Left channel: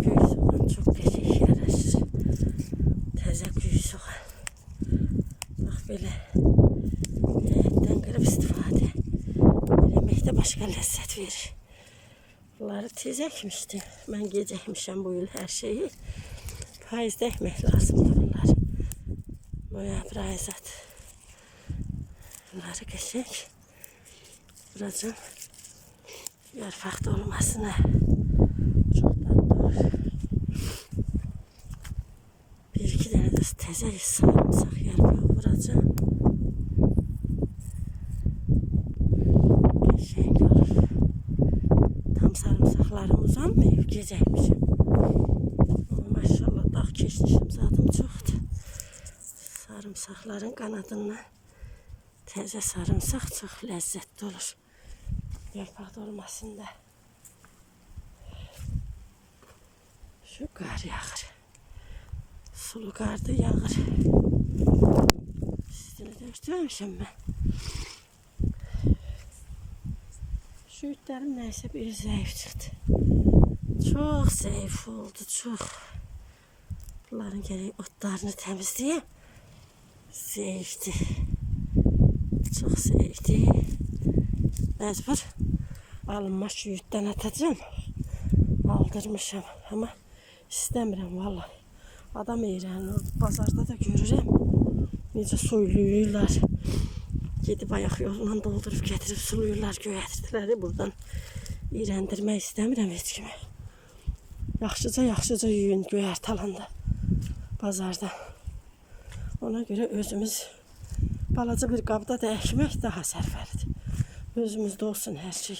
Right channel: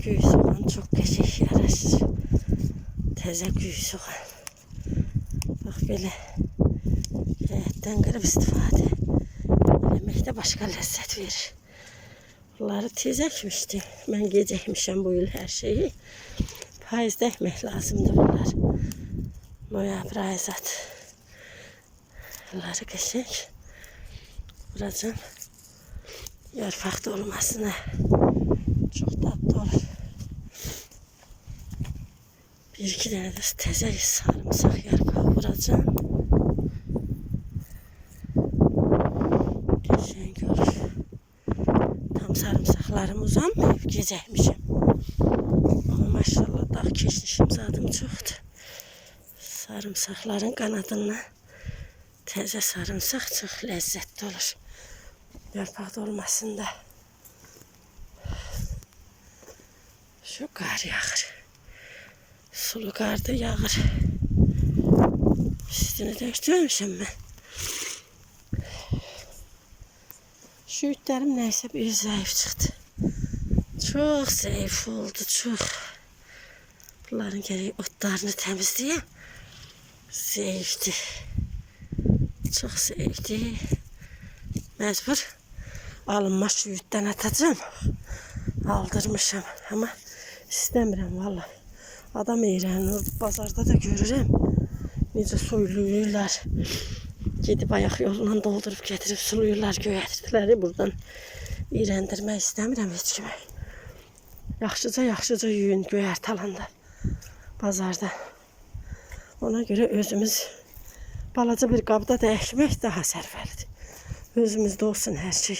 Gül soğan çok geçik yaraşır. Teze gül soğan. Bak böyle etten kırıp istifade. Yemekte başka lezzet verir. Bunları tez ekmiştim. Ben gece ekmişim bu yıl her şeyi. Payızda ekmek lazımdı bunlar. Noyabr ayı zaten. Bunları geçecek. Vuracağım. Yarfakta olmasına. Çok tatlı olur. Bir iki tane de teze sarımsak yarfağı vuracağım. Geçecek olur. Tam sarımsaklarım uzanmıyor. Geceymişim. Ama maşallah dağ keçmişim zaten çoktu. Sarımsakların kanadından teze sarımsak çok lezzetli olur. Yarpaq dolmasında. Şu kar yağır. Sulu kar da yağır. Üstünü döktürmüşüm ben. Şu ütlerim neyse bir zayıf çıktı. Çok zayıf oldu, çok. Bunların gereği otlarını temizleyeyim. Zayıftı. Çok zayıftı. Mecbur alınma şu yütten atacağım. Aldırmışım ama istemiyorum vallahi. Adam eğlen, pazarda da görürüm. Necə soyluyurlar. Gidip ayak yolundan doldurup getirip suluyurlar, göyərtdilər. Buradan iğrəndirmək istəmirəm heç kimi. Yaxşıca yuyun göyərt alanda. Pazarda. Ona göre özümüz balaca bir qabda da əkmək daha sərfəlidir. Özümüzdə olsun her şey.